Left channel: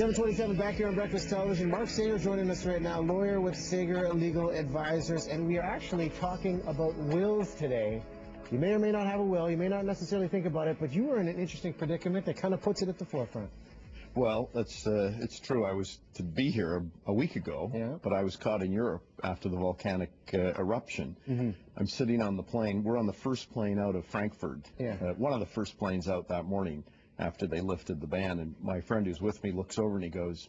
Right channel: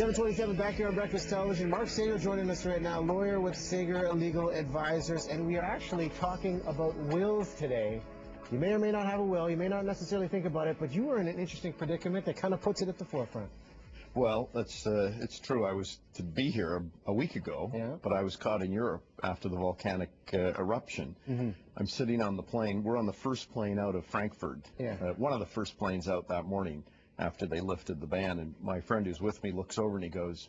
727 back here on Breakfast Television. Mark Sager joining us right now, lawyer with Sager Legal Advisors, and we are actually talking about wills today. You may or may not have a will, you may not necessarily think about it, but you were in an interesting predicament that kind of puts it at the forefront. Well, it's true. I was to be here a week ago, but I was caught in Europe after the volcanic eruption. I'm sitting on the plane. We're on the first plane out of Frankfurt, one of the first planes out that morning after they lifted the ban. And my friend who's with me looks over and he goes,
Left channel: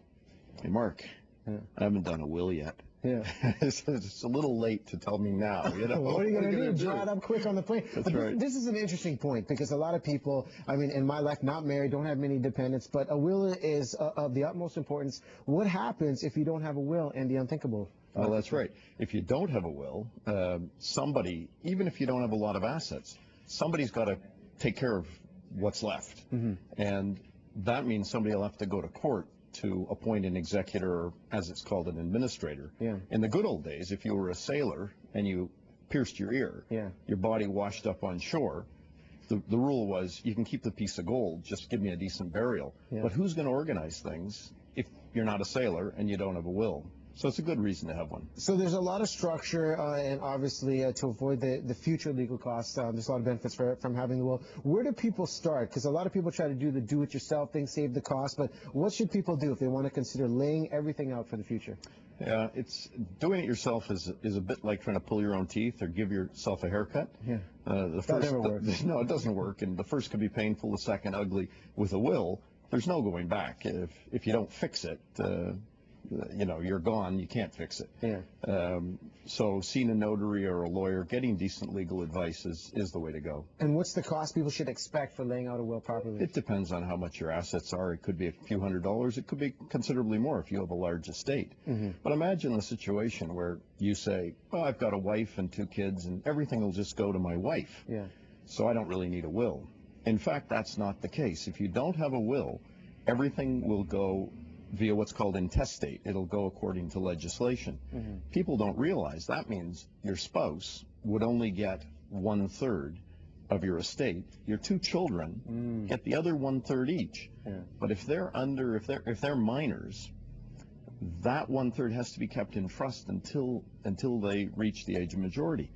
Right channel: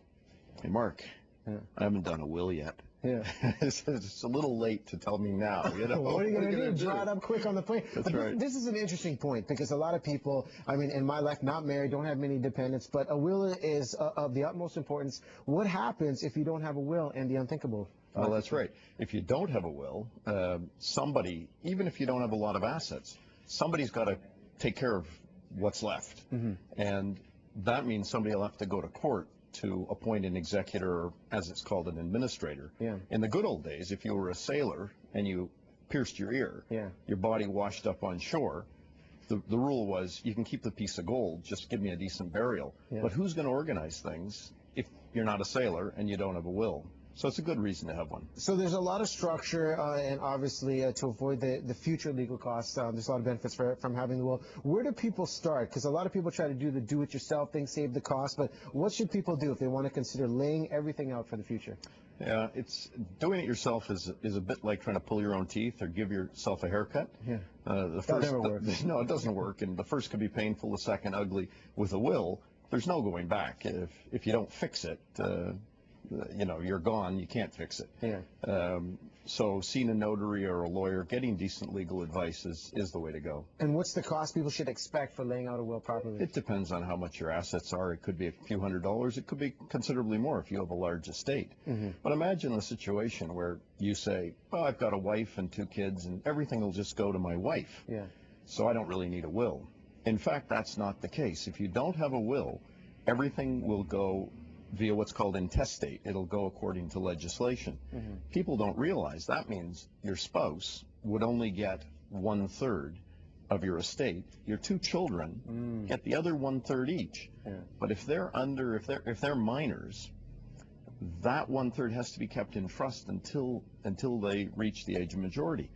"Hey, Mark, I haven't done a will yet." It's a little late to tell me now. You know? What are you going to do? Draw it up quick on the plane. That's right. This is an interesting point because a lot of people, I mean, in my life, not married, don't have many dependents, but a will is of the utmost importance. What happens if you don't have a will and the unthinkable? Well, that's right. If you don't have a will, somebody, even if you don't have a lot of assets, somebody's got to take care of what's left. And that means somebody will have to go to court to appoint an executor, or as it's called, an administrator. In the good old days, if you were a sailor and you pierced your ear, your body washed up on shore, the rule was you can keep the piece of gold, just give me a decent burial. But who's going to organize things if you're not a sailor and you don't have a will? So it's a good reason to have one. So there's a lot of structure, and obviously to avoid the future legal costs, there's a lot of benefits from having the will. Where do people start? Because a lot of people try to do the do-it-yourself thing, save the cost, but what should people do if they want to consider laying everything out for the future? Yeah, it's doing it yourself is a bit like trying to pull your own teeth or give yourself a haircut. That never works. No, it doesn't work, and the first can be painful, the second ugly. With a will, there's no going back. If you don't fix it, you know, you're gone, you can't fix it. So seeing a notary or a lawyer, getting decent legal advice is the way to go. And what's the cost people should expect for laying out a will properly? It depends on how much your assets are. It could be a few $100s. It could be considerably more if you have a large estate. But imagine the situation where you say, oh, I've got a wife and 2 kids and everything will just go to my wife. So I don't really need a will. In fact, that's not the case. If you don't have a will, everything will go via what's called intestate. It'll go according to legislation. People don't realize that means your spouse would only get 1/3 of your estate. Your 2 children get the other 1/3 each. But if they're minors, that 1/3 has to be kept in trust until they reach the age of majority.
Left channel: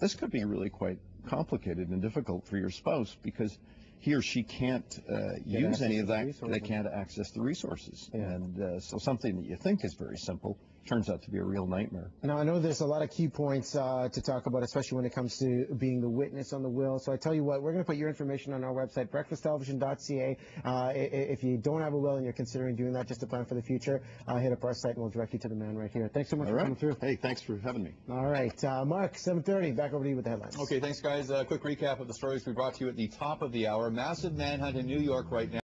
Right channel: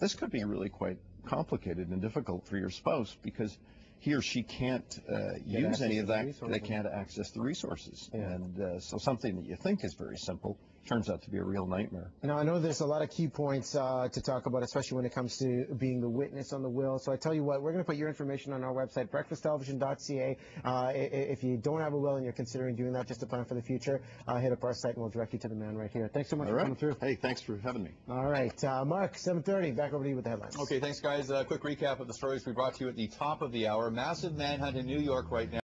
This could be really quite complicated and difficult for your spouse because he or she can't use any of that. They can't access the resources. And so something that you think is very simple turns out to be a real nightmare. Now, I know there's a lot of key points to talk about, especially when it comes to being the witness on the will. So I tell you what, we're going to put your information on our website, breakfasttelevision.ca. If you don't have a will and you're considering doing that just to plan for the future, hit up our site and we'll direct you to the man right here. Thanks so much for coming through. Hey, thanks for having me. All right. Mark, 7:30, back over to you with the headlines. Okay, thanks, guys. Quick recap of the stories we brought to you at the top of the hour. Massive manhunt in New York right now.